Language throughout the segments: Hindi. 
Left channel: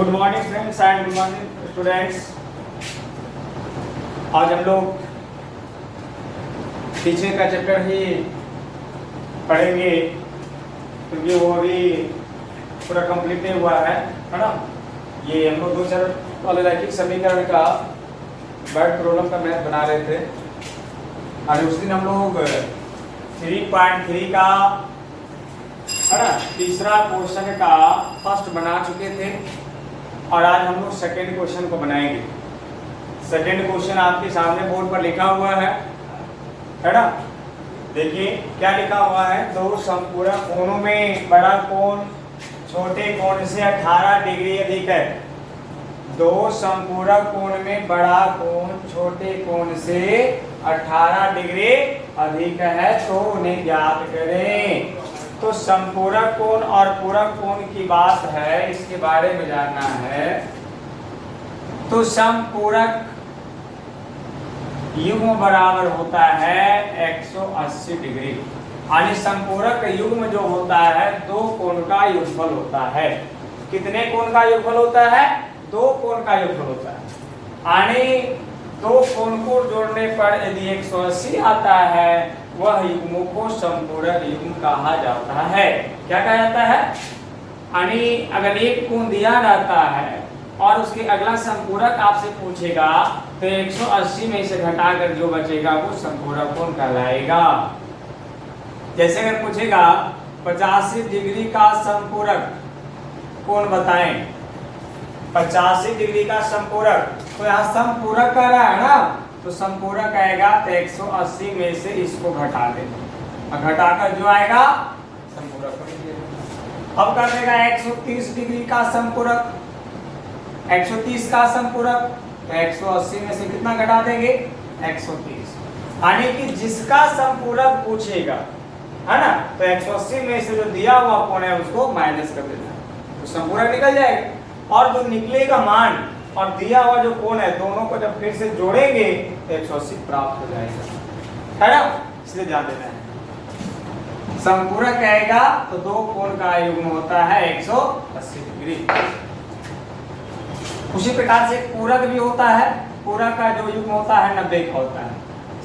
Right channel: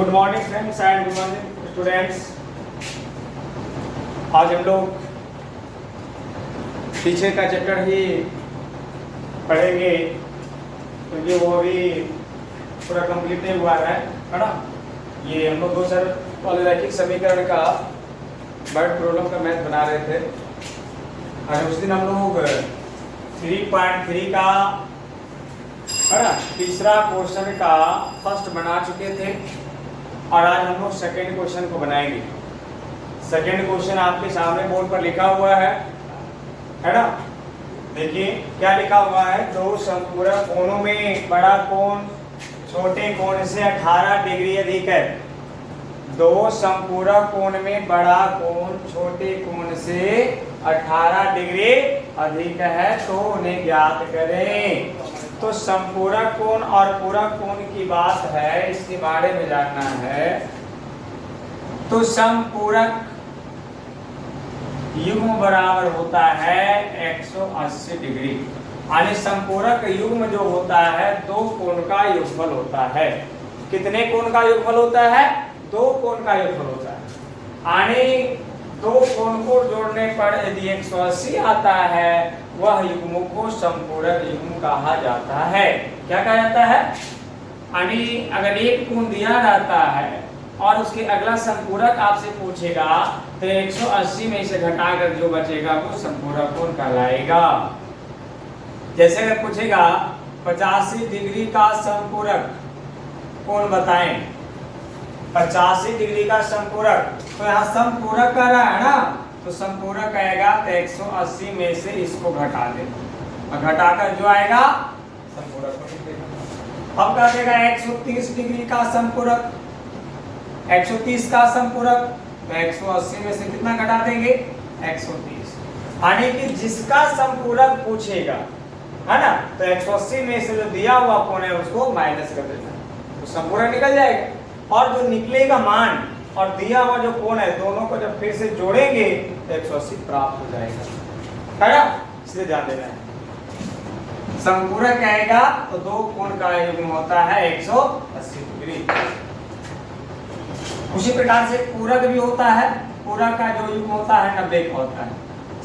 Good morning friends and good morning students. आज हम लोग टीचर का चैप्टर ही पढ़ेंगे क्योंकि वो अभी पूरा कंप्लीट नहीं हुआ है ना। ये हम लोग 2000 वाले रैखिक समीकरण का बर्ड प्रॉब्लम का मैथ बना रहे थे और उस दिन हम लोग 3.3 का है ना तीसरा क्वेश्चन का फर्स्ट बना चुके थे और आज हम लोग सेकेंड क्वेश्चन को बनाएंगे। सेकेंड क्वेश्चन आपके सामने बोर्ड पर लिखा हुआ है ना। देखिए क्या लिखा हुआ है, दो संपूरक कोणों में बड़ा कोण छोटे कोण से 18 डिग्री अधिक है। दो संपूरक कोण में बड़ा कोण छोटे कोण से 18 डिग्री अधिक है तो उन्हें ज्ञात करें। तो संपूरक कोण और पूरक कोण की बात है, इसके बारे में जानना है। तो संपूरक युग्म बराबर होता है 180 डिग्री। यानी संपूरक युग्म जो होता है दो कोण का योगफल होता है। कितने कोण का योगफल होता है? दो कोण का योगफल होता है। यानी दो कोण को जोड़ने पर यदि 180 आता है वह युग्म को संपूरक युग्म कहा जाता है। क्या कहा जाता है? यानी अगर एक कोण दिया जाता है और उसके अगला संपूरक आपसे पूछेगा तो 180 में से घटाकर जो बचेगा वो संपूरक कोण कहलाएगा। जैसे अगर पूछेगा 85 डिग्री का संपूरक कोण बताएं, 85 डिग्री का संपूरक, तो यहाँ संपूरक कह रहा है ना, तो संपूरक आएगा तो 180 में से इसको घटा देना और घटाकर जो आएगा संपूरक हो। अब कर देगा 130 डिग्री का संपूरक, 130 का संपूरक, तो 180 में से कितना घटा देंगे? 130। यानी कि जिसका संपूरक पूछेगा है ना, तो 180 में से जो दिया हुआ कोण है उसको माइनस कर देना, तो संपूरक निकल जाएगा। और जो निकलेगा मान और दिया हुआ जो कोण है दोनों को जब फिर से जोड़ेंगे तो 180 प्राप्त हो जाएगा, है ना। इसलिए ध्यान देना है। संपूरक आएगा तो दो कोण का युग्म होता है 180 डिग्री। उसी प्रकार से पूरक भी होता है। पूरक का जो युग्म होता है 90 का होता है।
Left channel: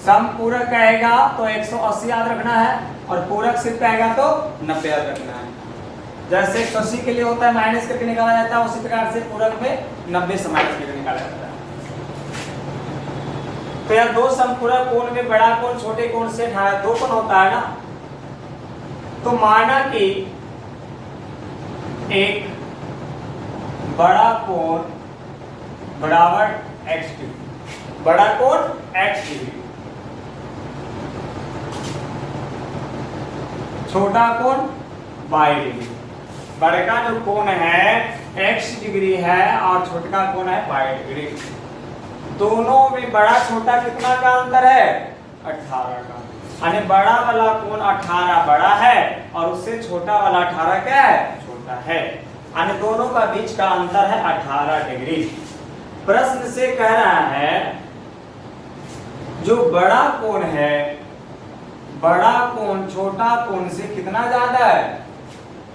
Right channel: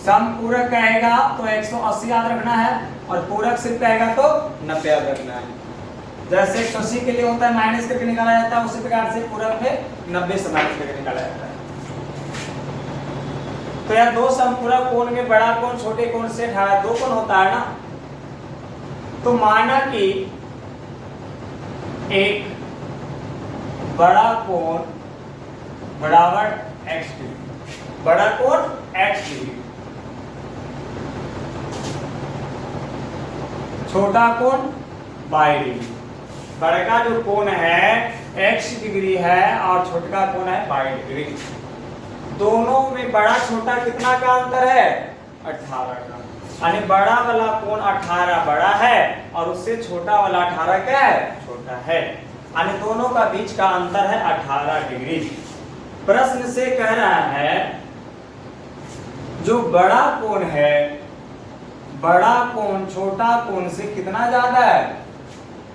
संपूरक आएगा तो 180 याद रखना है और पूरक सिर्फ आएगा तो 90 याद रखना है। जैसे 180 के लिए होता है माइनस करके निकाला जाता है, उसी प्रकार से पूरक में 90 से माइनस करके निकाला जाता है। तो यार दो संपूरक कोण में बड़ा कोण छोटे कोण से 18 दो कोण होता है ना। तो माना कि एक बड़ा कोण बराबर x डिग्री, बड़ा कोण x डिग्री, छोटा कोण y डिग्री। बड़ा जो कोण है x डिग्री है और छोटा कोण है y डिग्री। दोनों में बड़ा छोटा कितना का अंतर है? 18 का। यानी बड़ा वाला कोण 18 बड़ा है और उससे छोटा वाला 18 क्या है? छोटा है। यानी दोनों का बीच का अंतर है 18 डिग्री। प्रश्न से कह रहा है जो बड़ा कोण है, बड़ा कोण छोटा कोण से कितना ज्यादा है?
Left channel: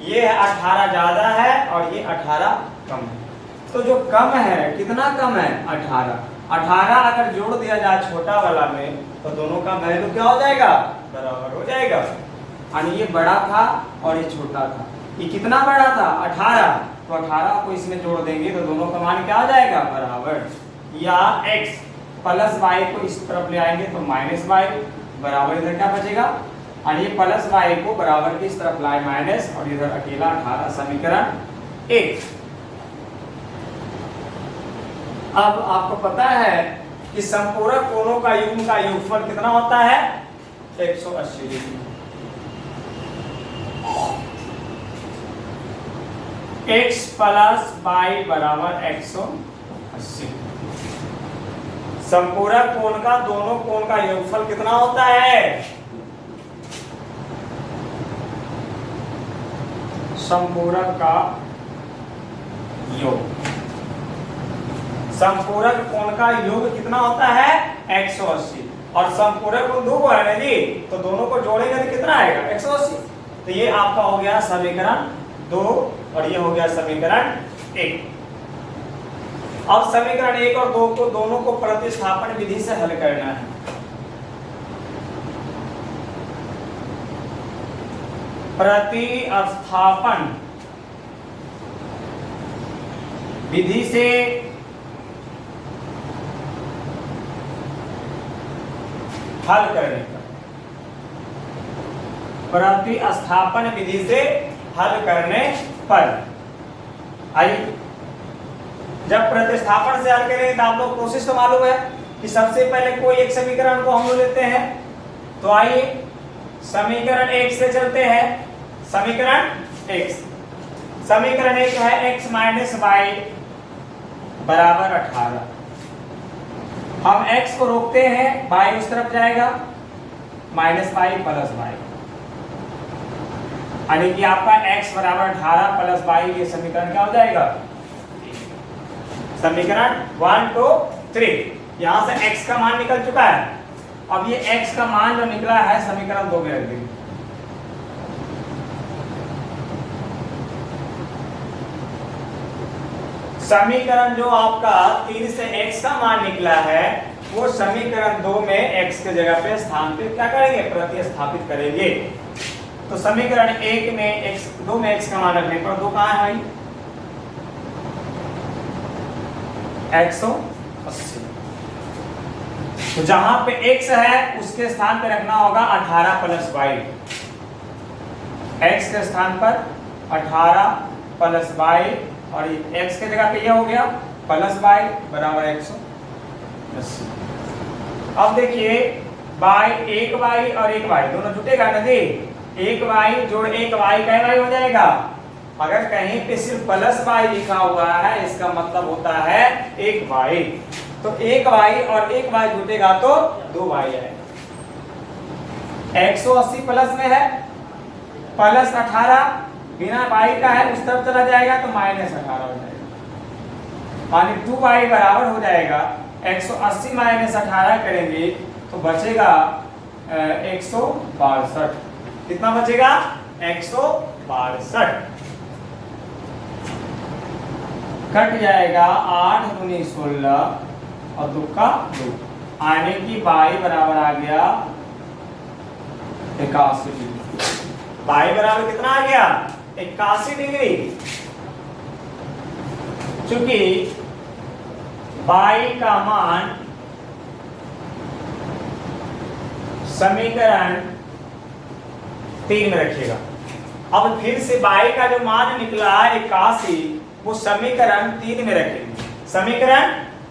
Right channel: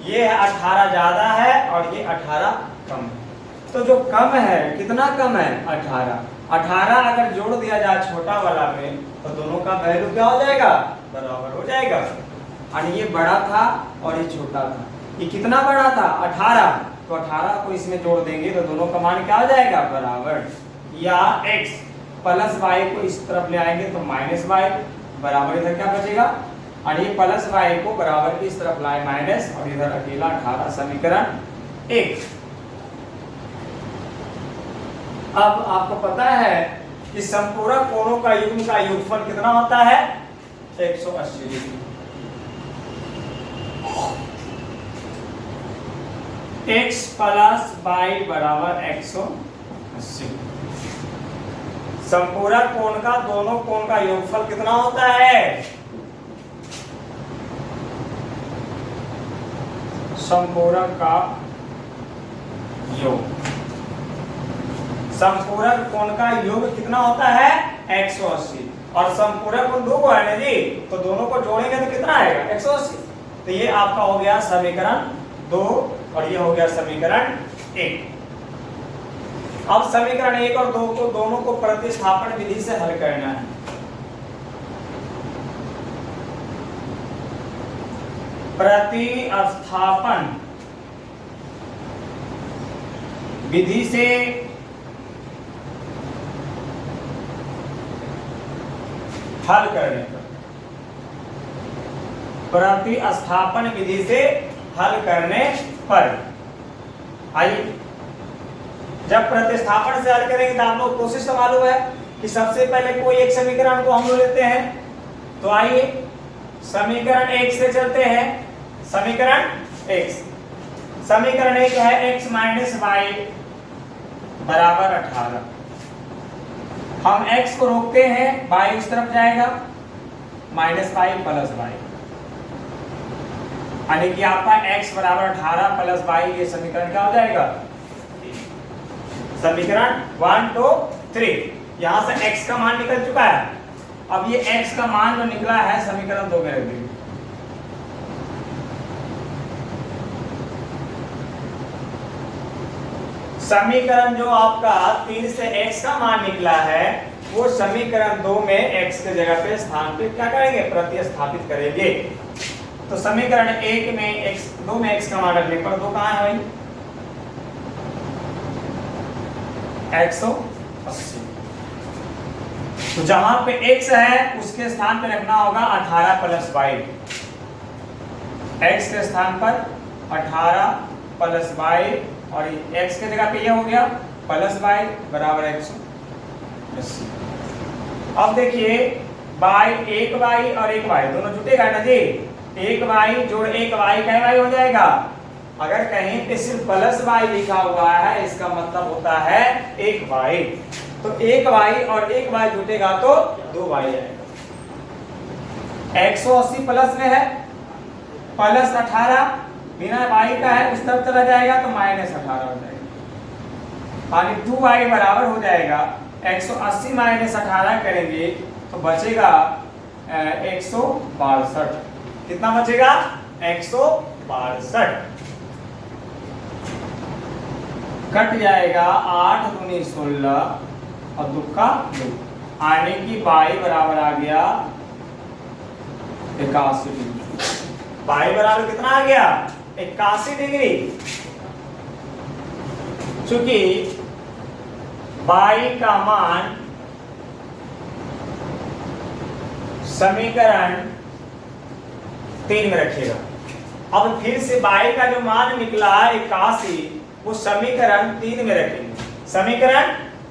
ये 18 ज्यादा है और ये 18 कम है। तो जो कम है कितना कम है? 18। 18 अगर जोड़ दिया जाए छोटा वाला में तो दोनों का वैल्यू क्या हो जाएगा? बराबर हो जाएगा। यानी ये बड़ा था और ये छोटा था। ये कितना बड़ा था? 18। तो 18 को इसमें जोड़ देंगे तो दोनों का मान क्या हो जाएगा? बराबर। या x प्लस y को इस तरफ ले आएंगे तो माइनस y बराबर, इधर क्या बचेगा? और ये प्लस y को बराबर की इस तरफ लाए माइनस और इधर अकेला 18। समीकरण 1। अब आपको पता है कि संपूरक कोणों का युग्म का योगफल कितना होता है? 180 डिग्री। x प्लस y बराबर 180। संपूरक कोण का दोनों कोण का योगफल कितना होता है? संपूरक का योग, संपूरक कोण का योग कितना होता है? 180। और संपूरक कोण दो को है ना जी, तो दोनों को जोड़ेंगे तो कितना आएगा? 180। तो ये आपका हो गया समीकरण 2 और ये हो गया समीकरण 1। अब समीकरण 1 और 2 को दोनों को प्रतिस्थापन विधि से हल करना है। प्रतिस्थापन विधि से हल करने का, प्रतिस्थापन विधि से हल करने पर आइए, जब प्रतिस्थापन से हल करेंगे तो आप लोग प्रोसेस तो मालूम है कि सबसे पहले कोई एक समीकरण को हम लोग लेते हैं। तो आइए समीकरण 1 से चलते हैं। समीकरण 1 है x माइनस वाई बराबर 18। हम x को रोकते हैं, y उस तरफ जाएगा, माइनस वाई प्लस वाई, यानी कि आपका x बराबर 18 प्लस वाई, ये समीकरण क्या हो जाएगा? समीकरण 1 2 3। यहां से x का मान निकल चुका है। अब ये x का मान जो निकला है समीकरण 2 में रख दीजिए। समीकरण जो आपका 3 से x का मान निकला है वो समीकरण 2 में x के जगह पे स्थानांतरित क्या करेंगे? प्रतिस्थापित करेंगे। तो समीकरण 1 में x, 2 में x का मान रखने पर 2 कहां है भाई? 180। तो जहां पे x है उसके स्थान पे रखना होगा 18 प्लस वाई। x के स्थान पर 18 प्लस वाई, और x के जगह पे यह हो गया प्लस वाई बराबर 180। अब देखिए बाई, एक वाई और एक वाई दोनों जुटेगा ना जी। एक वाई जोड़ एक वाई का वाई हो जाएगा। अगर कहीं पे सिर्फ प्लस वाई लिखा हुआ है इसका मतलब होता है एक वाई। तो एक वाई और एक वाई जुटेगा तो 2 वाई आएगा। 180 प्लस में है, प्लस 18 बिना वाई का है उस तरफ चला जाएगा तो माइनस 18 हो जाएगा, यानी 2y बराबर हो जाएगा 180 माइनस 18 करेंगे तो बचेगा 162। कितना बचेगा? 162। कट जाएगा 8 दूनी 16 और 2 का 2, आने की y बराबर आ गया 81 डिग्री। y बराबर कितना आ गया? 81 डिग्री। चूंकि y का मान समीकरण 3 में रखिएगा। अब फिर से y का जो मान निकला 81 वो समीकरण 3 में रखेंगे। समीकरण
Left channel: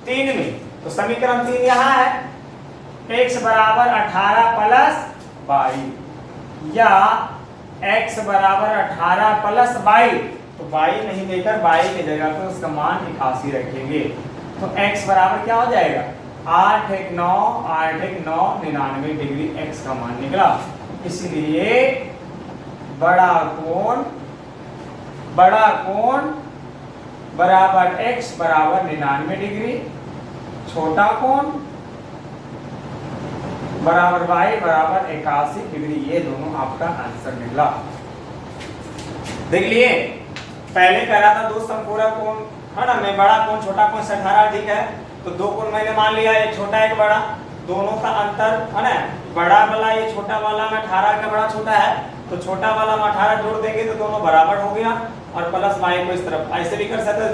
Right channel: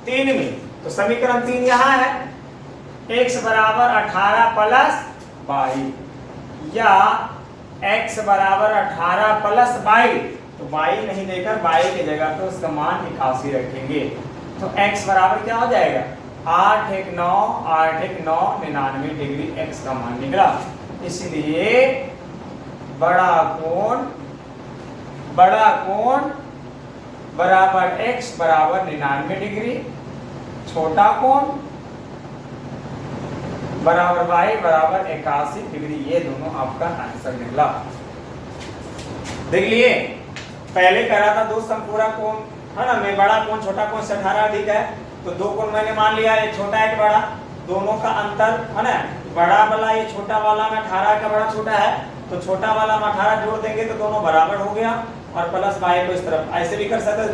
3 में, तो समीकरण 3 यहां है, x बराबर 18 प्लस वाई, या x बराबर 18 प्लस वाई। तो y नहीं देकर y की जगह पे उसका मान 81 रखेंगे। तो x बराबर क्या हो जाएगा? 8 1 9 8 1 9 99 डिग्री x का मान निकला। इसलिए बड़ा कोण बराबर x बराबर 99 डिग्री, छोटा कोण बराबर y बराबर 81 डिग्री। ये दोनों आपका आंसर निकला। देख लिए, पहले कह रहा था दो समपूरक कोण है ना, मैं बड़ा कोण छोटा कोण से 18 अधिक है, तो दो कोण मैंने मान लिया, एक छोटा एक बड़ा, दोनों का अंतर है ना, बड़ा वाला ये छोटा वाला में 18 का बड़ा छोटा है, तो छोटा वाला में 18 जोड़ देंगे तो दोनों बराबर हो गया, और प्लस वाई को इस तरफ ऐसे भी कर सकते हो,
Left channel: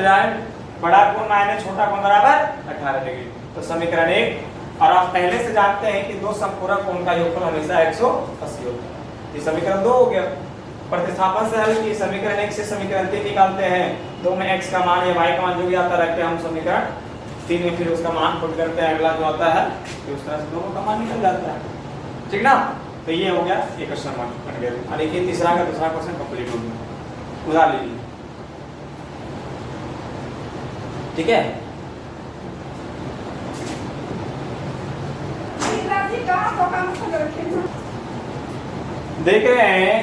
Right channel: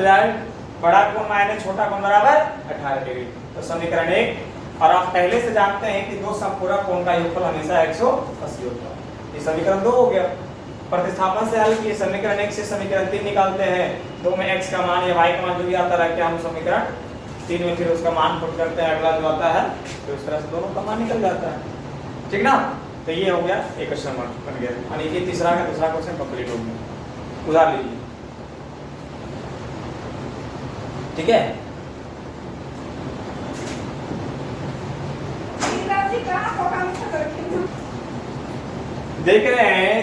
बड़ा कोण माइनस छोटा कोण बराबर 18 डिग्री। तो समीकरण 1। और आप पहले से जानते हैं कि दो समपूरक कोण का योगफल हमेशा 180 होता है। ये समीकरण 2 हो गया। प्रतिस्थापन से हल किए, समीकरण 1 से समीकरण 3 निकालते हैं। 2 में x का मान या y का मान जो भी आता रखते हैं हम समीकरण 3 में, फिर उसका मान पुट करते हैं, अगला जो आता है फिर उस तरह से दोनों का मान निकल जाता है। ठीक ना? तो ये हो गया एक क्वेश्चन बन गया, और ये तीसरा का दूसरा क्वेश्चन कंप्लीट हो गया। उधार लीजिए, ठीक है? देख रहे हैं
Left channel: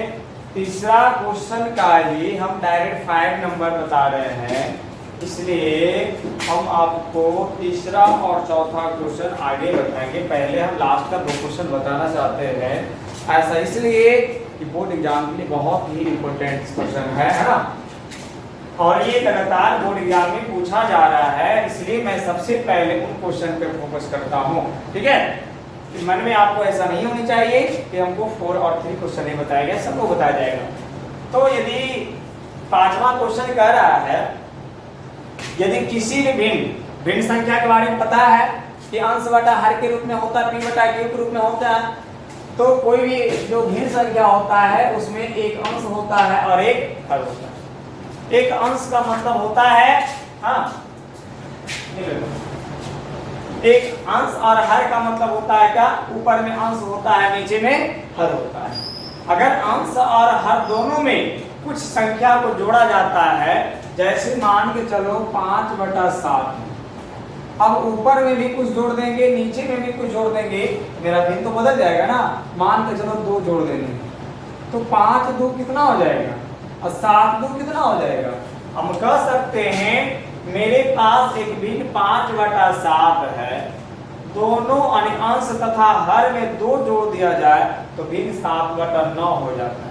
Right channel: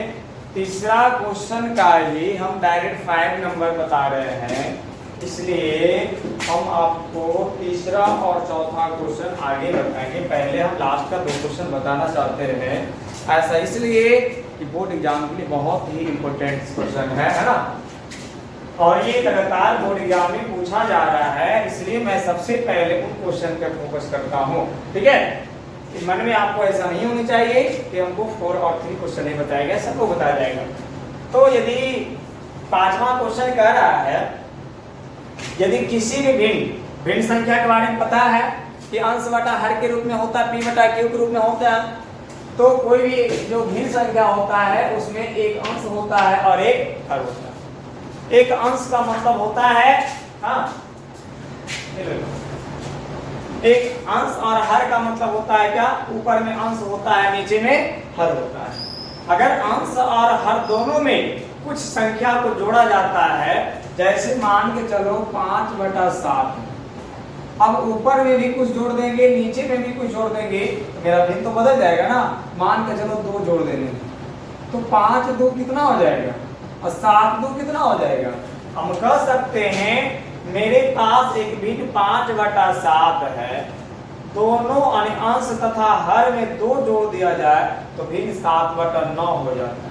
तीसरा क्वेश्चन का ही हम डायरेक्ट 5 नंबर बता रहे हैं, इसलिए हम आपको तीसरा और चौथा क्वेश्चन आगे बताएंगे। पहले हम लास्ट का 2 क्वेश्चन बताना चाहते हैं। ऐसा इसलिए कि बोर्ड एग्जाम के लिए बहुत ही इंपॉर्टेंट क्वेश्चन है ना। और ये लगातार बोर्ड एग्जाम में पूछा जा रहा है, इसलिए मैं सबसे पहले उन क्वेश्चन पे फोकस करता हूँ। ठीक है, मन में आपको ऐसा नहीं होनी चाहिए कि हमको 4 और 3 क्वेश्चन ही बताया गया, सबको बताया जाएगा। तो यदि 5वां क्वेश्चन कह रहा है, यदि किसी भी भिन्न संख्या के बारे में पता है कि अंश बटा हर के रूप में होता है, पी बटा क्यू के रूप में होता है, तो कोई भी जो भिन्न संख्या होता है उसमें एक अंश होता है और एक हर होता है। एक अंश का मतलब होता है, हाँ, एक अंश और हर का मतलब होता है क्या, ऊपर में अंश होता है, नीचे में हर होता है। अगर अंश और हर दोनों में कुछ संख्या को जोड़ा जाता है, जैसे मान के चलो 5/7, अब ऊपर में भी कुछ जोड़ देंगे, नीचे में भी कुछ जोड़ देंगे, मेरा भिन्न तो बदल जाएगा ना। मान के चलो 2 जोड़ देंगे तो 5 2 कितना हो जाएगा और 7 2 कितना हो जाएगा। हम कह सकते हैं मेरे पास एक भिन्न 5/7 है, दोनों अंश तथा हर में 2 जोड़ दिया जाए तो भिन्न 7/9 हो जाता है।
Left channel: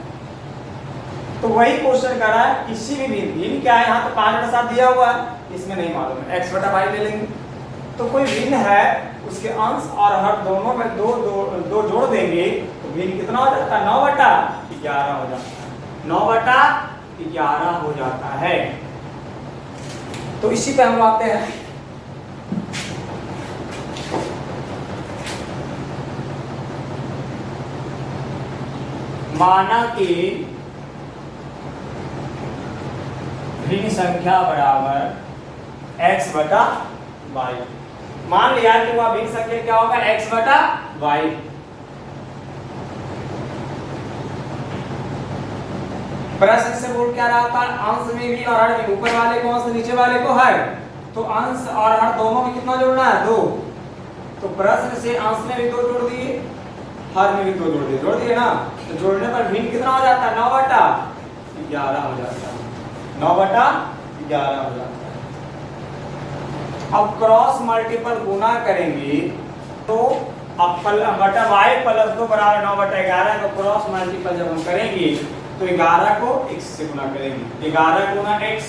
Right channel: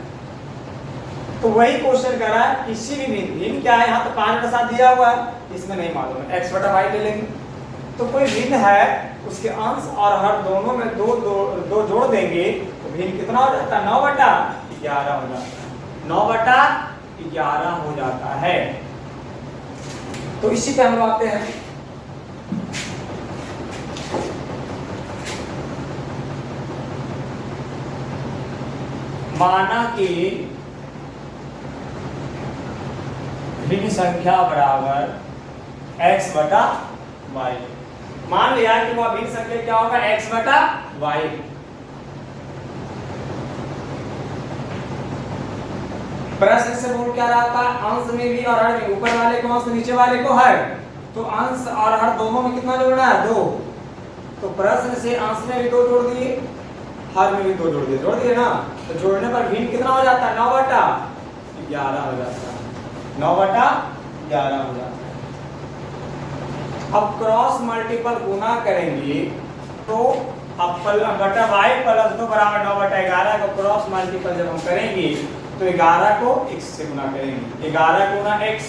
तो वही क्वेश्चन कर रहा है, किसी भी भिन्न क्या है, यहाँ तो 5/7 दिया हुआ है, इसमें नहीं मालूम है, x/y ले लेंगे। तो कोई भिन्न है, उसके अंश और हर दोनों में 2 जोड़ देंगे तो भिन्न कितना हो जाता है, 9/11 हो जाता है, 9/11 हो जाता है। तो इसी पे हम आते हैं। माना कि भिन्न संख्या बराबर x/y। मान लिया कि वह भिन्न संख्या क्या होगा, x/y। प्रश्न से बोल क्या रहा था, अंश में भी और हर में, ऊपर वाले को अंश, नीचे वाले को हर, तो अंश और हर दोनों में कितना जोड़ना है, 2। तो प्रश्न से अंश में भी 2 जोड़ दिए, हर में भी 2 जोड़ दिए ना, तो जोड़ने पर भिन्न कितना हो जाता है, 9/11 हो जाता है, 9/11 हो जाता है। अब क्रॉस मल्टीपल गुना करेंगे तो अब बटा y प्लस 2 बराबर 9/11 को क्रॉस मल्टीपल जब हम करेंगे तो 11 को x से गुना करेंगे, 11 गुना x,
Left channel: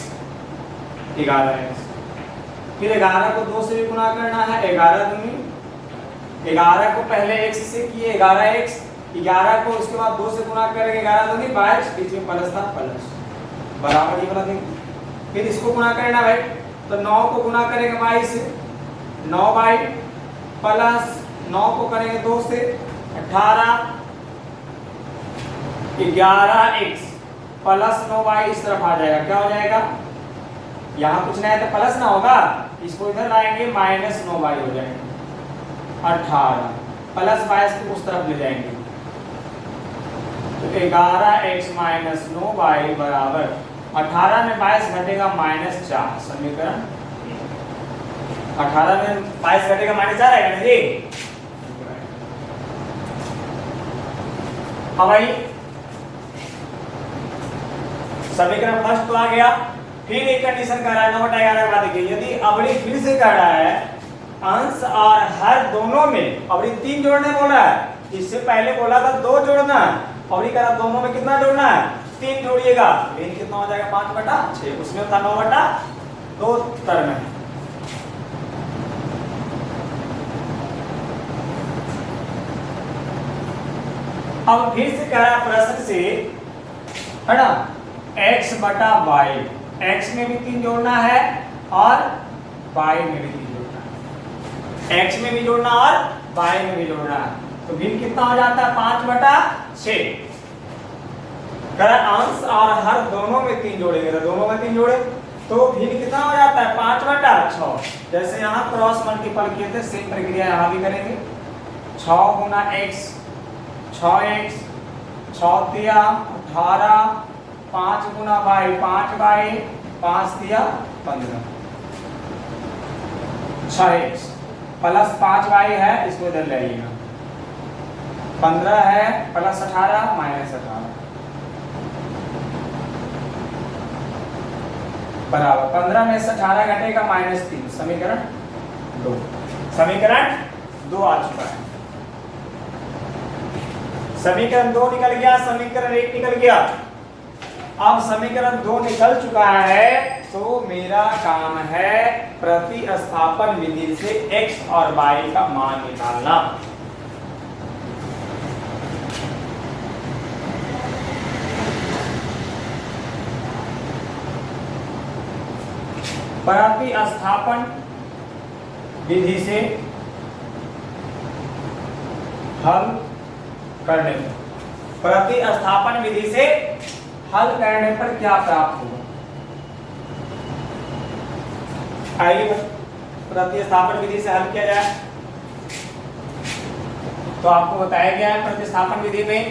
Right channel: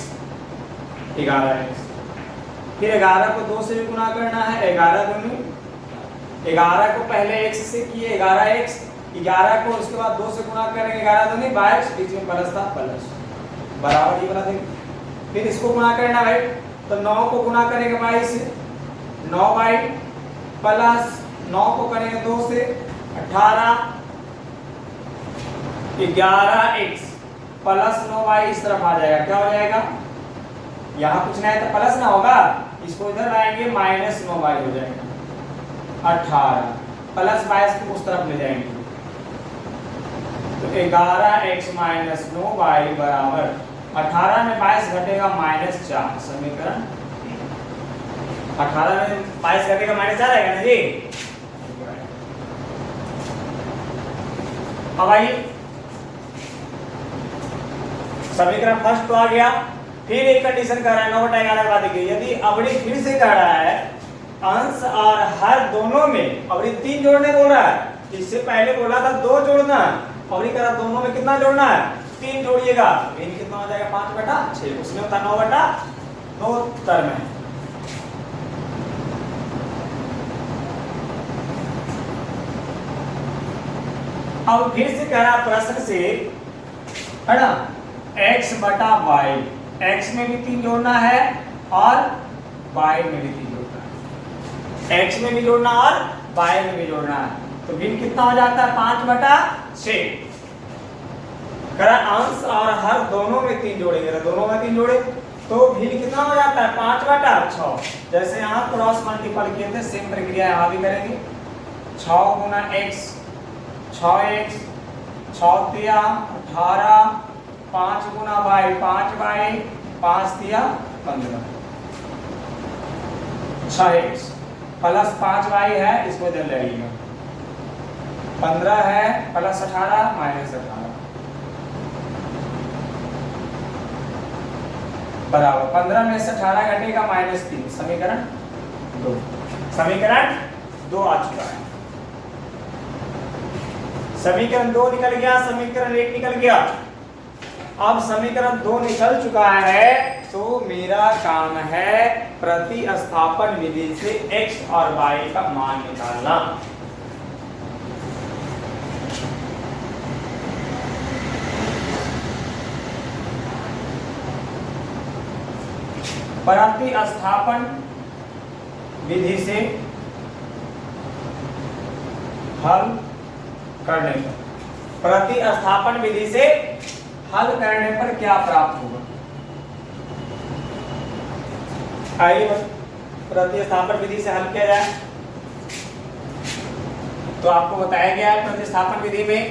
11x। फिर 11 को 2 से भी गुना करना है, 11 दूनी 11 को पहले x से किए 11x, 11 को उसके बाद 2 से गुना करेंगे, 11 दूनी 22, बीच में प्लस था, प्लस बराबर ये बना देंगे। फिर इसको गुना करना भाई, तो 9 को गुना करेंगे 22 से, 9y प्लस 9 को करेंगे 2 से 18, 11x प्लस 9y इस तरफ आ जाएगा, क्या हो जाएगा, यहाँ कुछ नहीं है तो प्लस ना होगा, इसको इधर लाएंगे माइनस 9y हो जाएगा, 18 प्लस 22 को उस तरफ ले जाएंगे, तो 11x माइनस 9y बराबर 18 में 22 घटेगा -4। समीकरण 18 में 22 घटेगा -4 आएगा ना जी। अब भाई समीकरण फर्स्ट तो आ गया। फिर एक कंडीशन कर रहा है 9/11 के बाद देखिए, यदि अवधि फिर से कर रहा है अंश और हर दोनों में, अवधि 3 जोड़ने बोल रहा है, इससे पहले बोला था 2 जोड़ना, अवधि करा दोनों में कितना जोड़ना है, 3 जोड़िएगा, भिन्न कितना हो जाएगा 5/6, उसमें था 9/2 टर्म है। अब फिर से कह रहा प्रश्न से, है ना, x/y, x में भी 3 जोड़ना है और y में भी 3 जोड़ना है, x में भी जोड़ना और y में भी जोड़ना है, तो भिन्न कितना हो जाता है 5/6। अंश और हर दोनों में 3 जोड़ेंगे, दोनों में 3 जोड़े तो भिन्न कितना हो जाता है 5/6। जैसे यहाँ क्रॉस मल्टीपल किए थे, सेम प्रक्रिया यहाँ भी करेंगे, 6 गुना x 6x, 6 तिया 18, 5 गुना y 5y, 5 तिया 15, 6x प्लस 5y है, इसको इधर ले आइएगा, 15 है प्लस 18 माइनस 18 बराबर 15 में से 18 घटेगा -3, समीकरण 2, समीकरण 2 आ चुका है। समीकरण 2 निकल गया, समीकरण 1 निकल गया। अब समीकरण 2 निकल चुका है, तो मेरा काम है प्रतिस्थापन विधि से x और y का मान निकालना। प्रतिस्थापन विधि से हल करने पर, प्रतिस्थापन विधि से हल करने पर क्या प्राप्त होगा? आइए प्रतिस्थापन विधि से हल किया जाए। तो आपको बताया गया है प्रतिस्थापन विधि में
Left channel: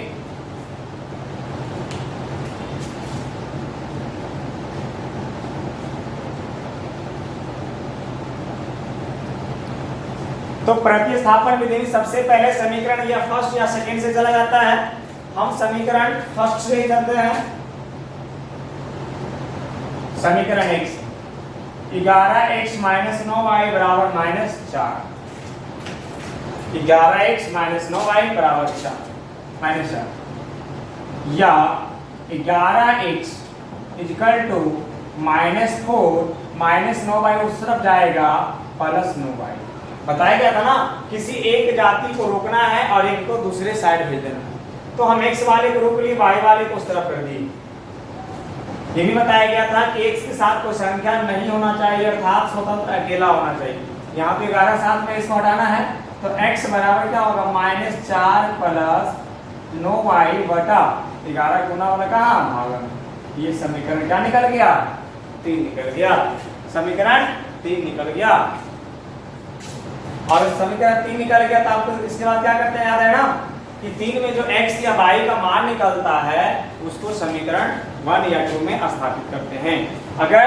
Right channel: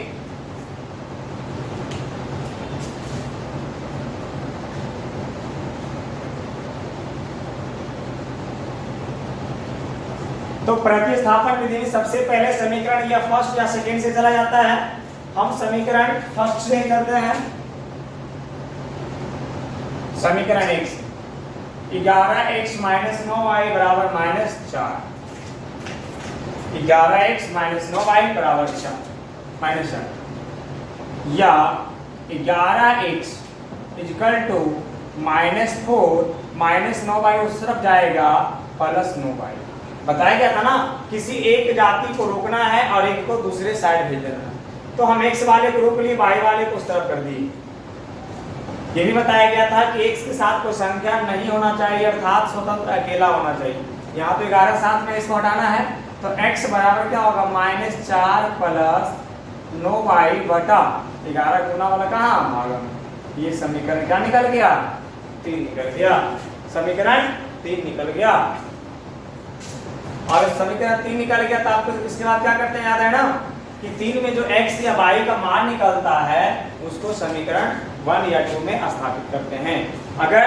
तो प्रतिस्थापन विधि में सबसे पहले समीकरण या फर्स्ट या सेकंड से चला जाता है। हम समीकरण फर्स्ट से ही करते हैं। समीकरण 1 11x माइनस 9y बराबर -4, 11x माइनस 9y बराबर 4 -4, या 11x equal to -4 minus 9y उस तरफ जाएगा प्लस 9y। बताया गया था ना, किसी एक जाति को रोकना है और एक को दूसरे साइड भेज देना है। तो हम x वाले को रोक लिए, y वाले को उस तरफ कर दिए। ये भी बताया गया था कि x के साथ कोई संख्या नहीं होना चाहिए, अर्थात स्वतंत्र अकेला होना चाहिए। यहाँ पे 11 साथ में इसको हटाना है, तो x बराबर क्या होगा? -4 प्लस 9y बटा 11 गुना वाला कहाँ भागा में। ये समीकरण क्या निकल गया? 3 निकल गया। समीकरण 3 निकल गया। और समीकरण 3 निकल गया तो आपको इसके बाद क्या करते हैं, याद है ना कि 3 में जो x या y का मान निकलता है उसको समीकरण 1 या 2 में स्थापित करते हैं। अगर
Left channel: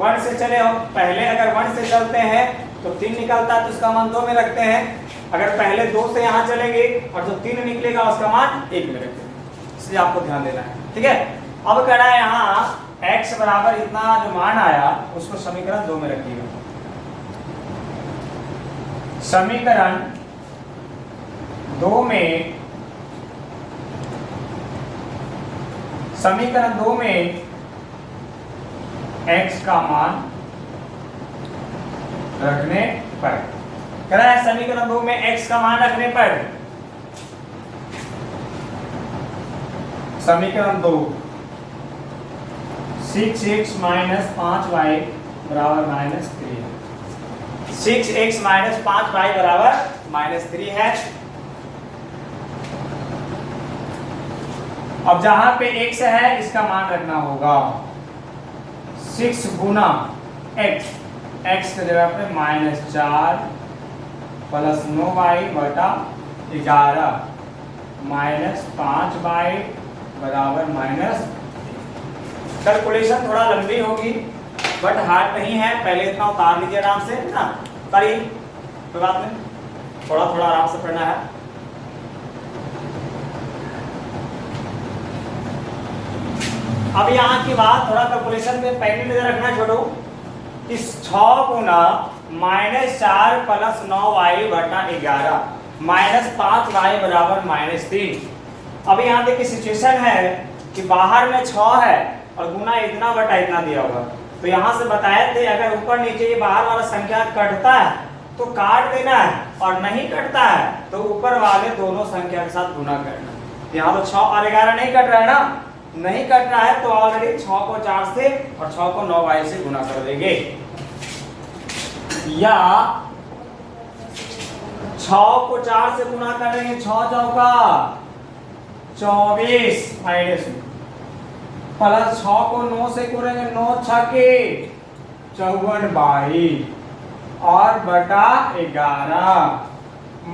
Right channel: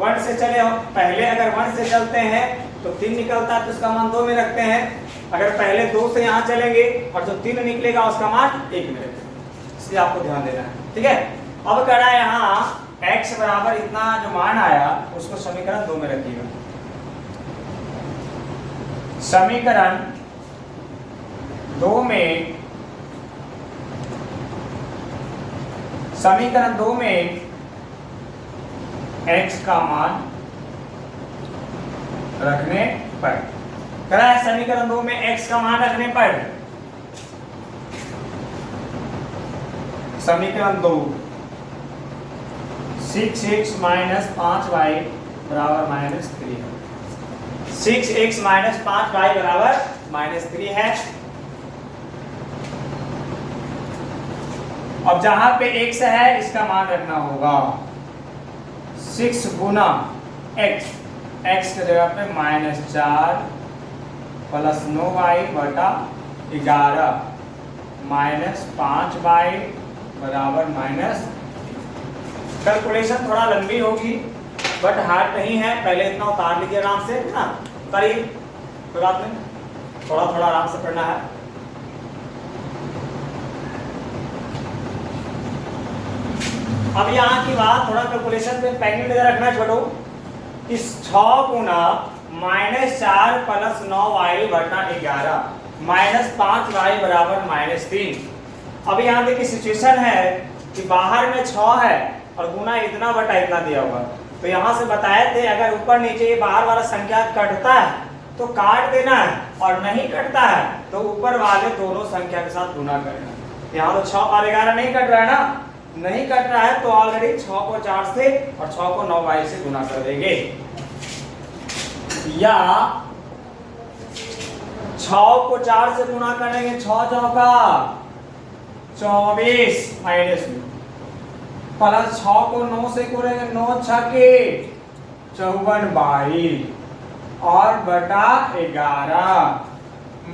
1 से चले हो, पहले अगर 1 से चलते हैं तो 3 निकलता है तो उसका मान 2 में रखते हैं। अगर पहले 2 से यहाँ चलेंगे और जो 3 निकलेगा उसका मान 1 में रखते हैं। इसलिए आपको ध्यान देना है, ठीक है। अब कह रहा है यहाँ x बराबर इतना जो मान आया उसको समीकरण 2 में रखिएगा। समीकरण 2 में x का मान रखने पर, कह रहा है समीकरण 2 में x का मान रखने पर, समीकरण 2 6x माइनस 5y बराबर -3 है। 6x माइनस 5y बराबर -3 है। अब जहां पे x है इसका मान रखना होगा 6 गुना x, x की जगह पे -4 प्लस 9y बटा 11 माइनस 5y बराबर -। कैलकुलेशन थोड़ा लंबी होगी बट हार्ड नहीं है। पहले इतना उतार लीजिए आराम से ना, करिए, कोई बात नहीं, थोड़ा थोड़ा आराम से पढ़ना है। अब यहाँ की बात थोड़ा कैलकुलेशन में पहले नजर रखना छोड़ो कि 6 गुना -4 प्लस 9y बटा 11 माइनस 5y बराबर -3। अब यहाँ देखिए सिचुएशन है कि बाहर में 6 है और गुना इतना बटा इतना दिया हुआ। तो यहाँ से बताए थे अगर ऊपर नीचे बाहर वाला संख्या कटता है तो काट देना है, और नहीं कटता है तो ऊपर वाले दोनों संख्या के साथ गुना करना। यहाँ तो 6 और 11 नहीं कट रहा है ना, नहीं कट रहा है तो ऑलरेडी 6 को 4 से और 6 को 9y से गुना कर देंगे, या 6 को 4 से गुना करेंगे, 6 चौका 24 माइनस में, प्लस 6 को 9 से करेंगे, 9 छके 54 और बटा 11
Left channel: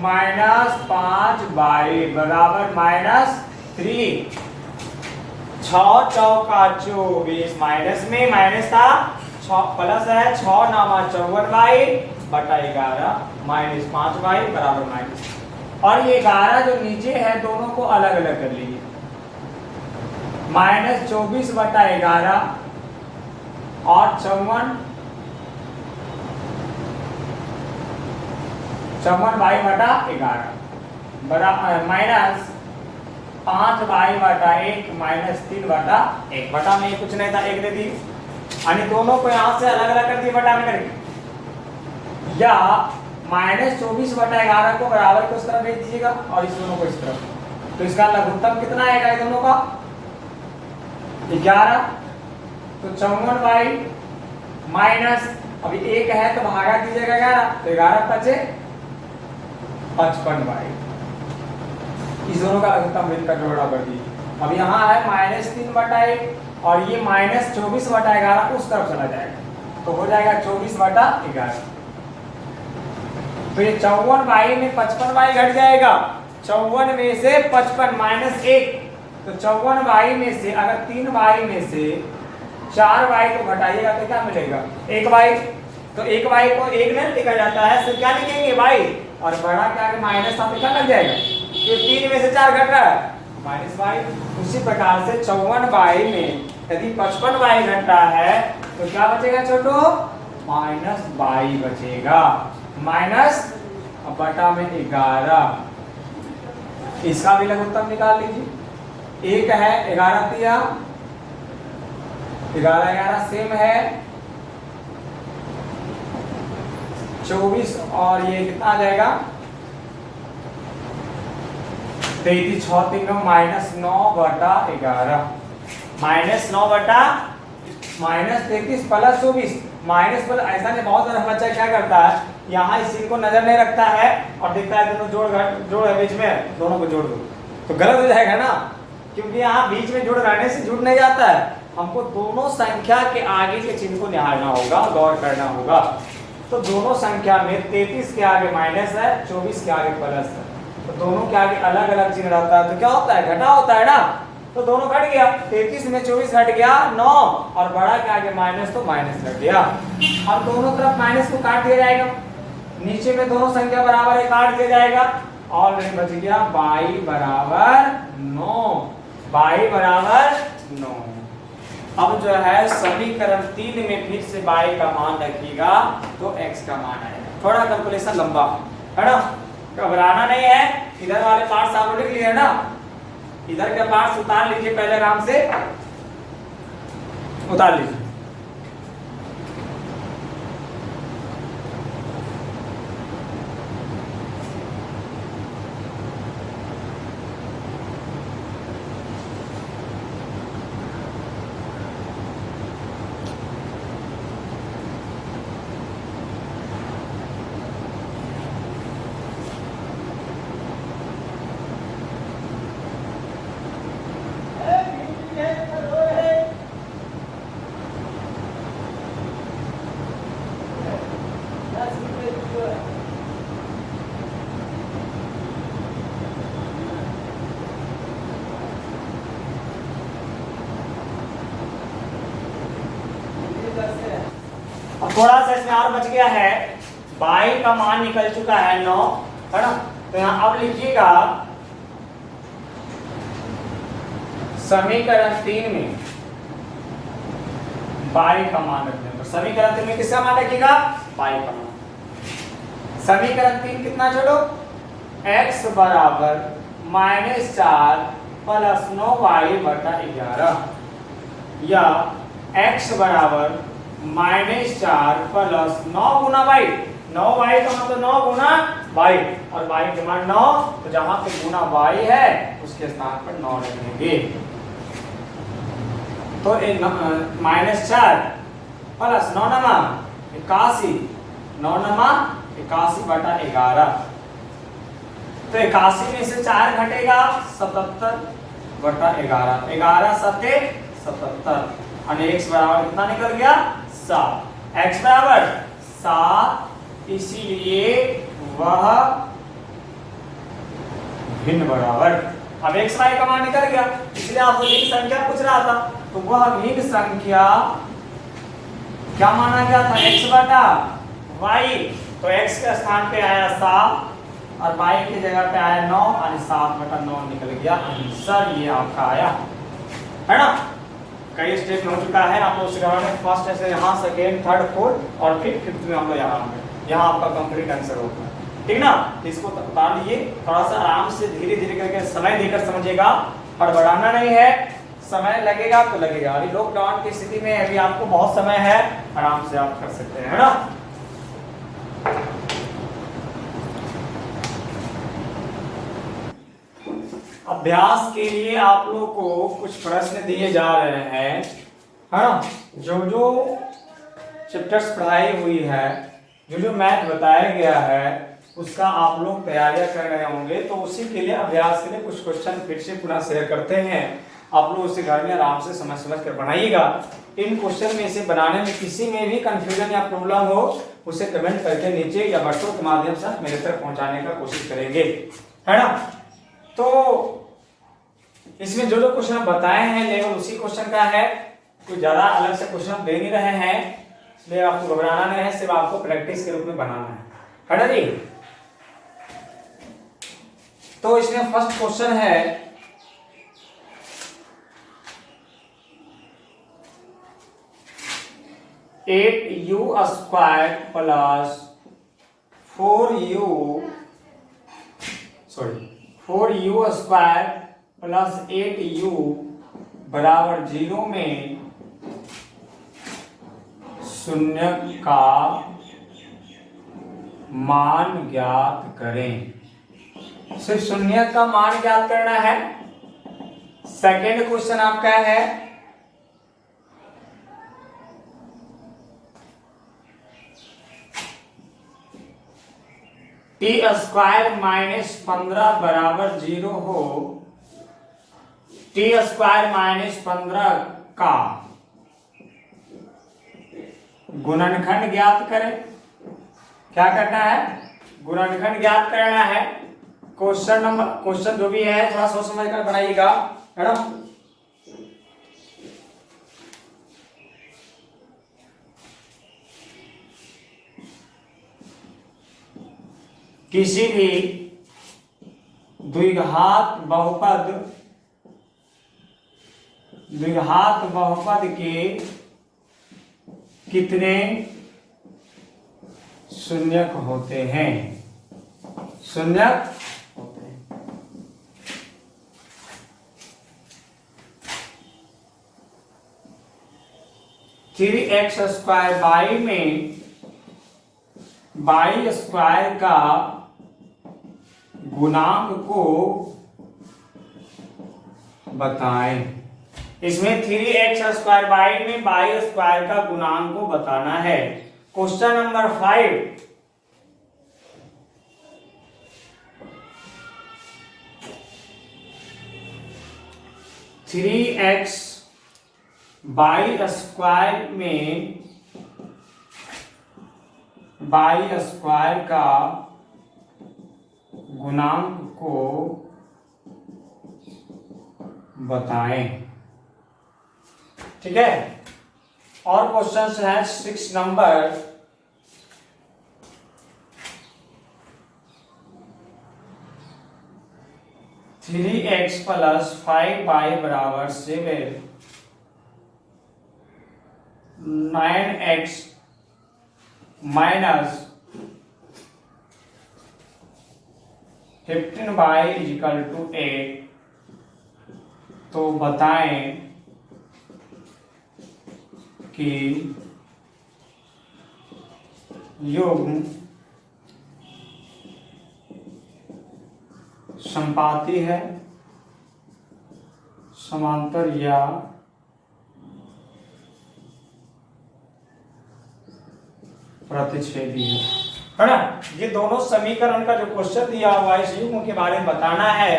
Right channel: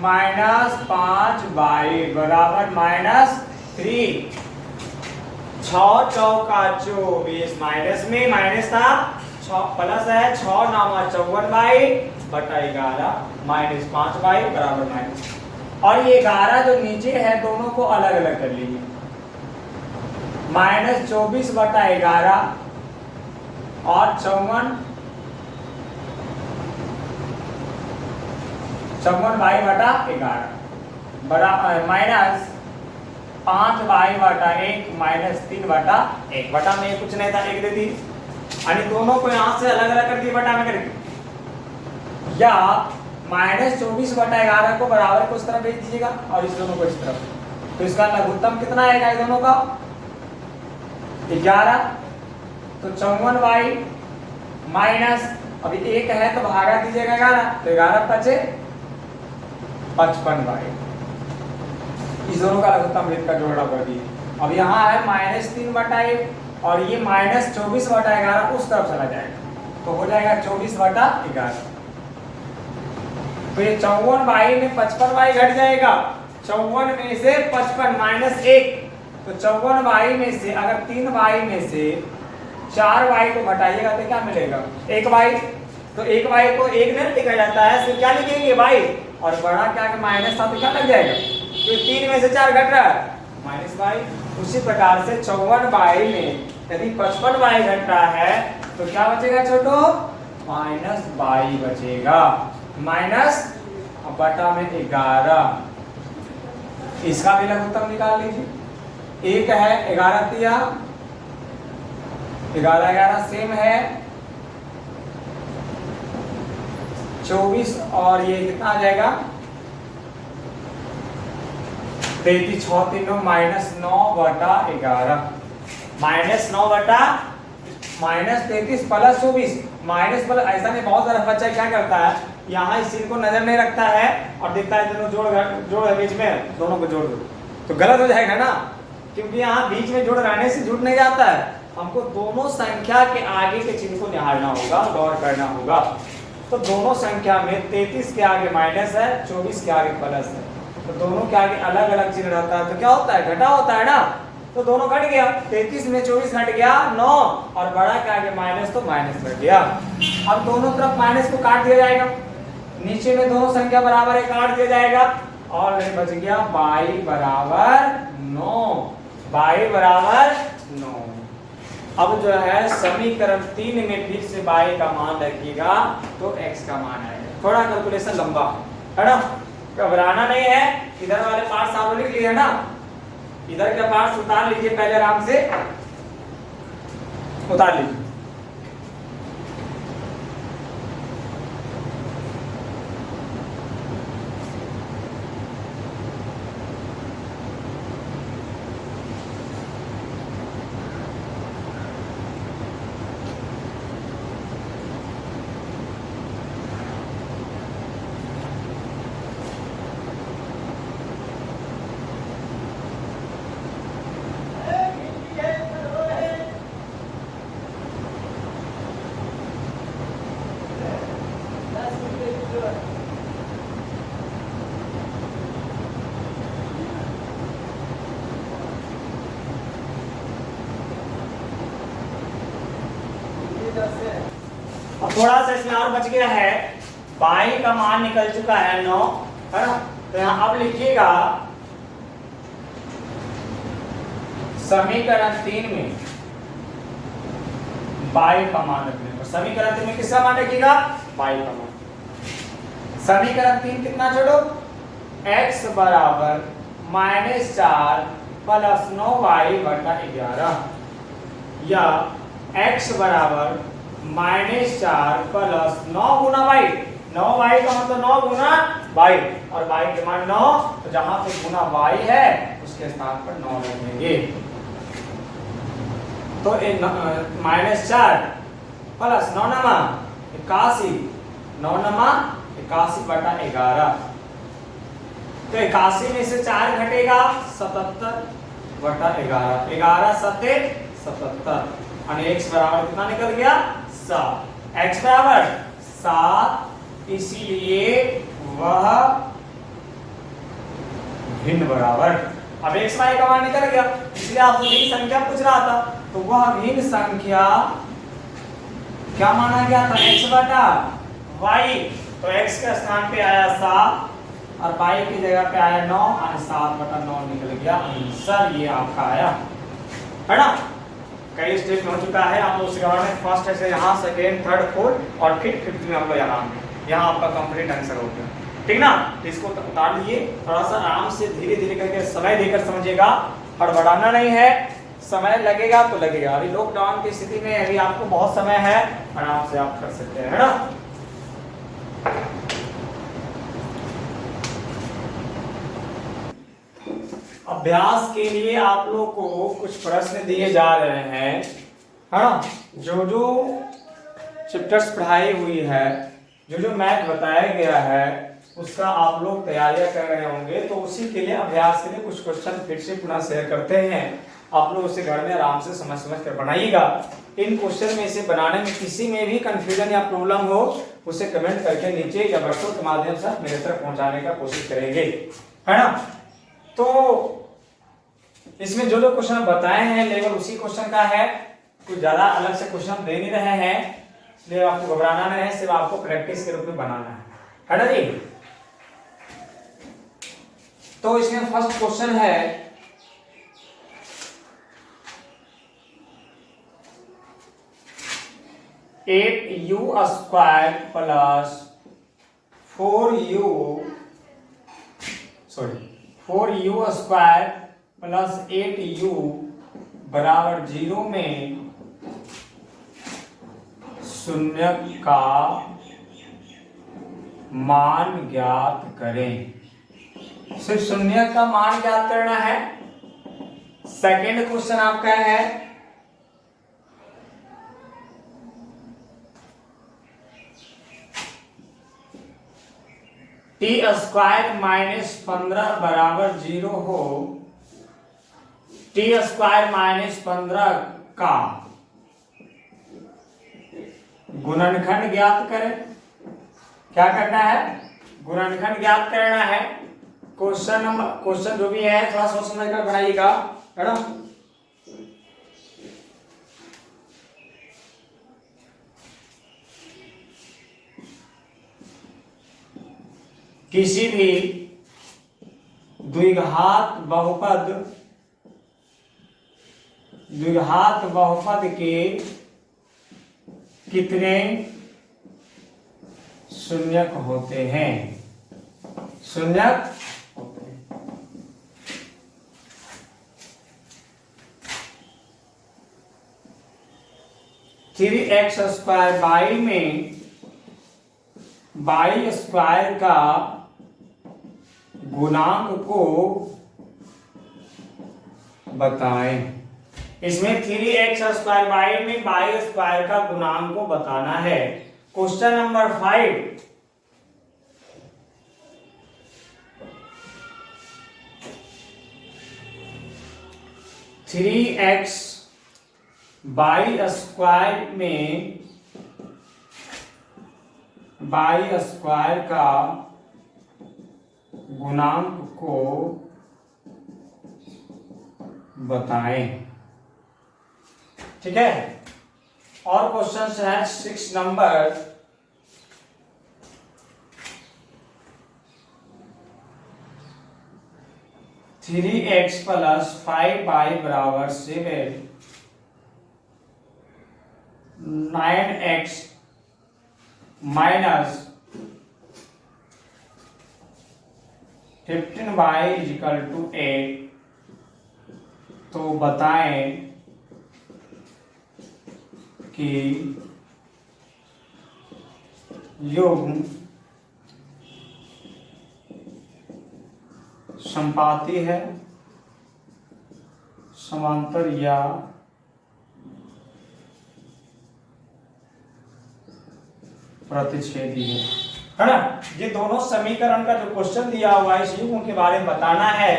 माइनस 5y बराबर -3। 6 चौका 24 माइनस में माइनस था, 6 प्लस है, 6 नामा 54y बटा 11 माइनस 5y बराबर माइनस। और ये 11 जो नीचे है दोनों को अलग अलग कर लीजिए, -24 बटा 11 और 54y बटा 11 बराबर माइनस 5y/1 माइनस 3/1 बटा में कुछ नहीं था, 1 दे दी। यानी दोनों को यहाँ से अलग अलग कर दिए बटा में करके, या -24/11 को बराबर को उस तरफ भेज दीजिएगा और इस दोनों को इस तरफ। तो इसका लघुत्तम कितना आएगा ये दोनों का? 11। तो 54y माइनस, अभी 1 है तो भागा दीजिएगा 11, तो 11 बचे 55y। इस दोनों का लघुत्तम भेद का जोड़ा कर दिए। अब यहाँ है -3/1 और ये -24/11 उस तरफ चला जाएगा, तो हो जाएगा 24/11। तो ये 54y में 55y घट जाएगा, 54 में से 55 -1, तो 54y में से अगर 3y में से 4y को घटाइएगा तो क्या मिलेगा? 1y। तो 1y को 1 नहीं लिखा जाता है, तो क्या लिखेंगे y, और बड़ा क्या के माइनस था तो क्या लग जाएगा? ये 3 में से 4 घट रहा है -y। उसी प्रकार से 54y में यदि 55y घट रहा है तो क्या बचेगा छोटो? -y बचेगा, माइनस बटा में 11। इसका भी लघुत्तम निकाल लीजिए। 1 है 11 दिया, 11 सेम है 24, और ये कितना आ जाएगा? 33 6 3 -9/11 -9/-33 प्लस 24 माइनस प्लस। ऐसा नहीं, बहुत सारा बच्चा क्या करता है, यहाँ इस चीज को नजर नहीं रखता है और देखता है दोनों जोड़ है बीच में, दोनों को जोड़ दो तो गलत हो जाएगा ना, क्योंकि यहाँ बीच में जोड़ रहने से जुड़ नहीं जाता है। हमको दोनों संख्या के आगे के चिन्ह को निहारना होगा, गौर करना होगा। तो दोनों संख्या में 33 के आगे माइनस है, 24 के आगे प्लस है, तो दोनों के आगे अलग अलग चिन्ह रहता है, तो क्या होता है? घटा होता है ना। तो दोनों घट गया, 33 में 24 घट गया 9, और बड़ा के आगे माइनस तो माइनस लग गया। अब दोनों तरफ माइनस को काट दिया जाएगा, नीचे में दोनों संख्या बराबर है, काट दिया जाएगा, और नहीं बच गया y बराबर 9। y बराबर 9। अब जो है समीकरण 3 में फिर से y का मान रखिएगा तो x का मान है। थोड़ा कैलकुलेशन लंबा है ना, घबराना नहीं है। इधर वाले पार्ट्स आप लिख लिए ना, इधर के पार्ट्स उतार लीजिए, पहले आराम से उतार लीजिए। अब थोड़ा सा इसमें और बच गया है, y का मान निकल चुका है 9, है ना। तो यहाँ अब लिखिएगा समीकरण 3 में y का मान रखने पर, समीकरण 3 में किसका मान रखिएगा? y का मान। समीकरण 3 कितना छोड़ो? x बराबर -4 प्लस 9y/11, या x बराबर -4 प्लस 9 गुना y। 9y का मतलब 9 गुना y, और y के मान 9, तो जहां पे गुना y है उसके स्थान पर 9 रख देंगे। तो -4 प्लस 9 नमा 81, 9 नमा 81/11। तो 81 में से 4 घटेगा 77/11, 11 7 77, और x बराबर कितना निकल गया? 7। x बराबर 7, इसीलिए वह भिन्न बराबर। अब x y का मान निकल गया, इसलिए आपको भिन्न संख्या पूछ रहा था, तो वह भिन्न संख्या क्या माना गया था? x बटा y। तो x के स्थान पे आया 7 और y की जगह पे आया 9, और 7/9 निकल गया आंसर। ये आपका आया है ना। कई स्टेज में हो चुका है, आप लोग सिखा रहे हैं फर्स्ट से यहाँ, सेकेंड, थर्ड, फोर्थ, और फिर फिफ्थ में हम लोग यहाँ आपका कंप्लीट आंसर होता है। ठीक ना। इसको उतार लीजिए, थोड़ा सा आराम से धीरे धीरे करके समय देकर समझिएगा, हड़बड़ाना नहीं है। समय लगेगा तो लगेगा, अभी लॉकडाउन की स्थिति में अभी आपको बहुत समय है, आराम से आप कर सकते हैं, है ना। अभ्यास के लिए आप लोग को कुछ प्रश्न दिए जा रहे हैं, है ना। जो जो चैप्टर्स पढ़ाई हुई है, जो जो मैथ बताया गया है, उसका आप लोग तैयारियां कर रहे होंगे, तो उसी के लिए अभ्यास के लिए कुछ क्वेश्चन फिर से पुनः शेयर करते हैं। आप लोग उसे घर में आराम से समझ समझ कर बनाइएगा। इन क्वेश्चन में से बनाने में किसी में भी कंफ्यूजन या प्रॉब्लम हो, उसे कमेंट करके नीचे या व्हाट्सएप के माध्यम से मेरे तक पहुंचाने का कोशिश करेंगे, है ना। तो इसमें जो जो क्वेश्चन बताए हैं लेवल उसी क्वेश्चन का है, कुछ ज्यादा अलग से क्वेश्चन दे नहीं रहे हैं, इसलिए आपको घबराना नहीं है, सिर्फ आपको प्रैक्टिस के रूप में बनाना है ना जी। तो इसमें फर्स्ट क्वेश्चन है 8u square plus 4u square plus 8u बराबर 0 में शून्य का मान ज्ञात करें। सिर्फ शून्य का मान ज्ञात करना है। सेकेंड क्वेश्चन आपका है टी स्क्वायर माइनस 15 बराबर 0 हो, टी स्क्वायर माइनस 15 का गुणनखंड ज्ञात करें। क्या करना है? गुणनखंड ज्ञात करना है। क्वेश्चन जो भी है थोड़ा सोच समझ कर बनाइएगा, मैडम। किसी भी द्विघात बहुपद के कितने शून्यक होते हैं? शून्यक होते हैं। 3x स्क्वायर बाई में बाई स्क्वायर का गुणांक को बताएं। इसमें 3x स्क्वायर बाई में बाई स्क्वायर का गुणांक को बताना है। Question number 5, three x by square में बाई स्क्वायर का गुणांक को बताएं। ठीक है। और क्वेश्चन है 6 number, three x plus 5y बराबर 7, 9x minus 15y is equal to 8। तो बताएं कि युग्म संपाती है, समांतर या प्रतिच्छेदी है ना। ये दोनों समीकरण का जो क्वेश्चन दिया हुआ है, इस युग्म के बारे में बताना है।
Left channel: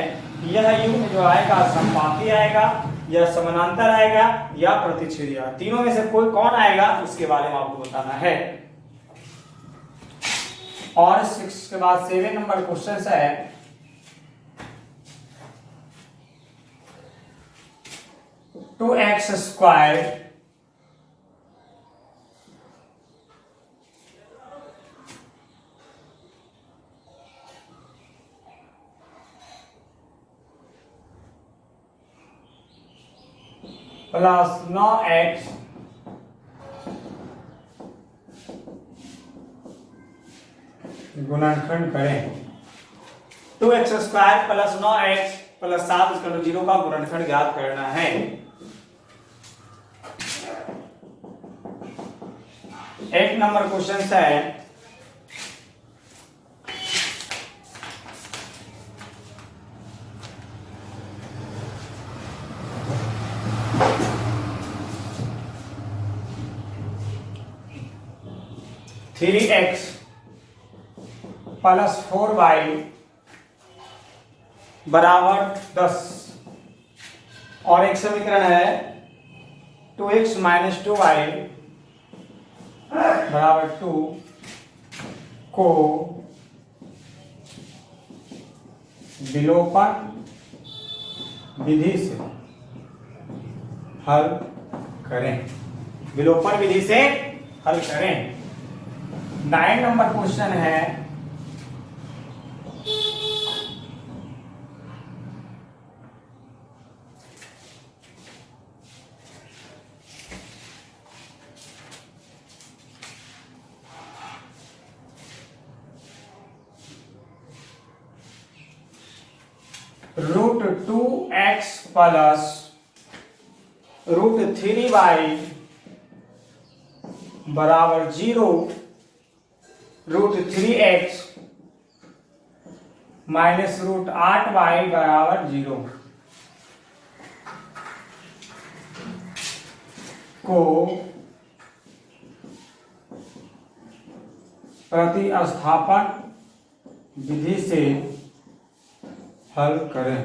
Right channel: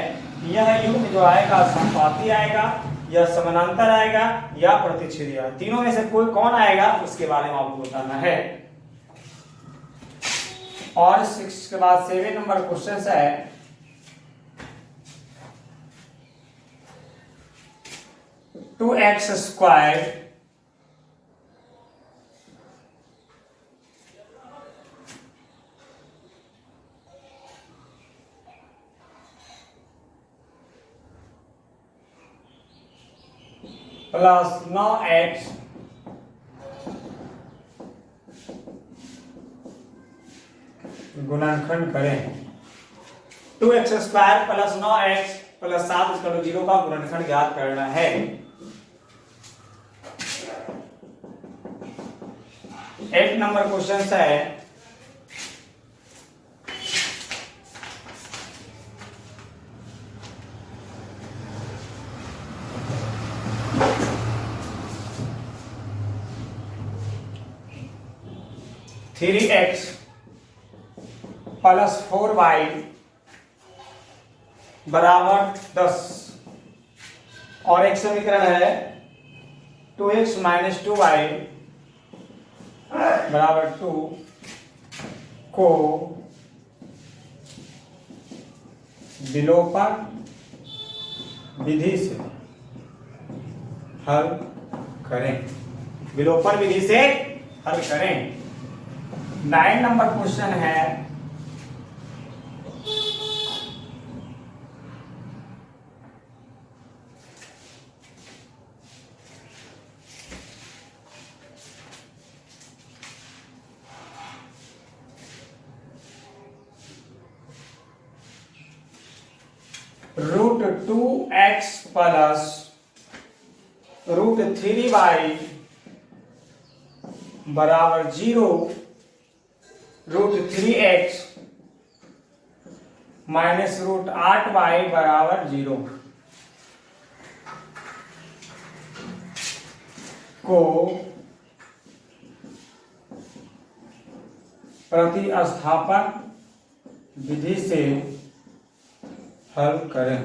यह युग्म जो आएगा संपाती आएगा या समानांतर आएगा या प्रतिच्छेदी आएगा, तीनों में से कोई कौन आएगा इसके बारे में आपको बताना है। और 6 के बाद 7 नंबर क्वेश्चन है two x square plus 9x गुणनखंड करें। 2x² + 9x + 7 = 0 का गुणनखंड ज्ञात करना है। एक नंबर क्वेश्चन है 3x + 4y = 10 और एक समीकरण है 2x - 2y = 2 को विलोपन विधि से हल करें। विलोपन विधि से हल करें। 9 नंबर क्वेश्चन है √2x + √3y = 0, √3x - √8y = 0 को प्रतिस्थापन विधि से हल करें।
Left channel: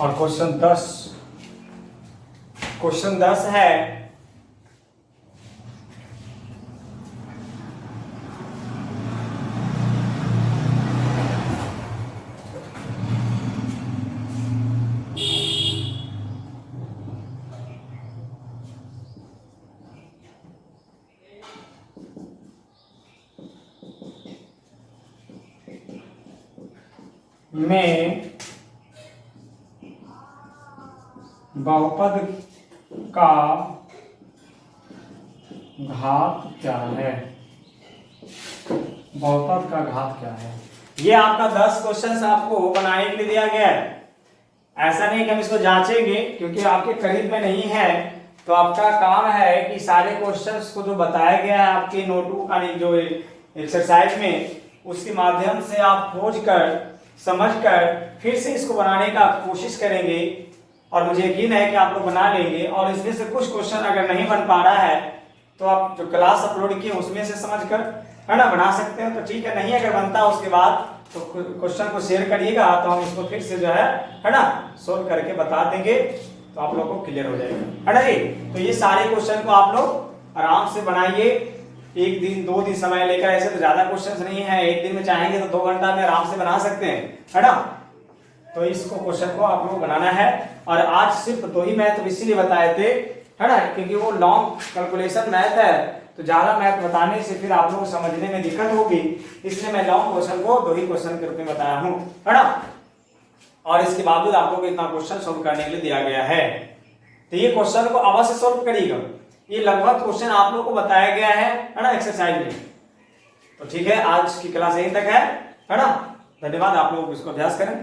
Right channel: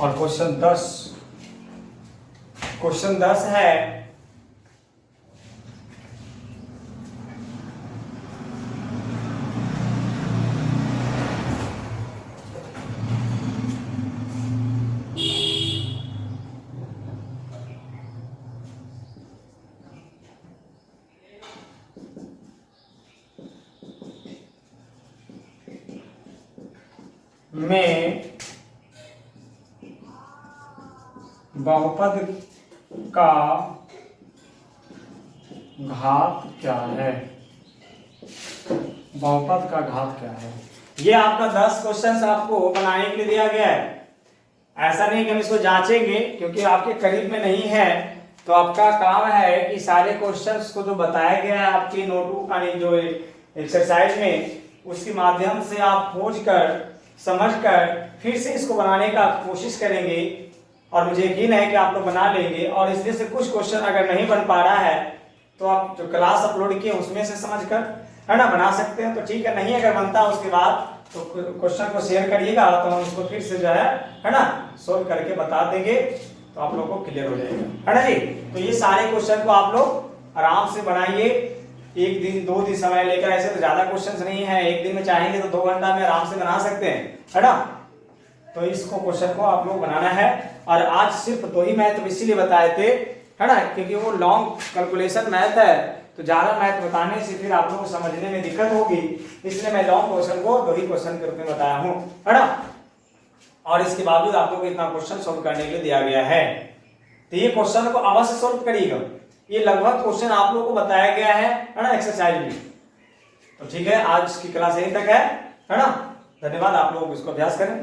और क्वेश्चन 10 है में बहुपद का घात क्या है? बहुपद का घात क्या है? ये आपका 10 क्वेश्चन आपको बनाने के लिए दिया गया है। ऐसा नहीं कि हम इसको जांचेंगे क्योंकि आपके करीब में नहीं है, तो आपका काम है कि सारे क्वेश्चंस को जो बताया गया है आपके नोटबुक का जो एक्सरसाइज में, उसके माध्यम से आप खोज कर समझकर फिर से इसको बनाने का कोशिश करेंगे और मुझे यकीन है कि आप लोग बना लेंगे। और इसमें से कुछ क्वेश्चन अगर नहीं बन पा रहा है तो आप जो क्लास अपलोड किए उसमें से समझकर है ना बना सकते हैं, तो ठीक है। नहीं अगर बनता उसके बाद तो क्वेश्चन को शेयर करिएगा, तो हम उसको फिर से जो है ना सोल्व करके बता देंगे, तो आप लोग को क्लियर हो जाएगा, है ना जी। तो ये सारे क्वेश्चन को आप लोग आराम से बनाइए, 1 दिन 2 दिन समय लेकर। ऐसे तो ज्यादा क्वेश्चंस नहीं है, एक दिन में चाहेंगे तो 2 घंटा में आराम से बना सकते हैं, है ना। तो इसको क्वेश्चन को आप लोग बनाना है। और आज सिर्फ 2 ही मैथ इसीलिए बताए थे, है ना, क्योंकि वो लॉन्ग कैलकुलेशन मैथ है, तो ज्यादा मैथ बताने से फिर आप लोग समझने में दिक्कत होगी, इसलिए मैं लॉन्ग क्वेश्चन को 2 ही क्वेश्चन के रूप में बताया हूँ, है ना। और इसके बावजूद आप लोग को इतना क्वेश्चन सोल्व करने के लिए दिया गया है, तो ये क्वेश्चन को अवश्य सोल्व करिएगा। ये लगभग क्वेश्चन आप लोग को बताया गया है ना एक्सरसाइज में। तो ठीक है, आज की क्लास यहीं तक है ना। धन्यवाद, आप लोग इसको अभ्यास करें।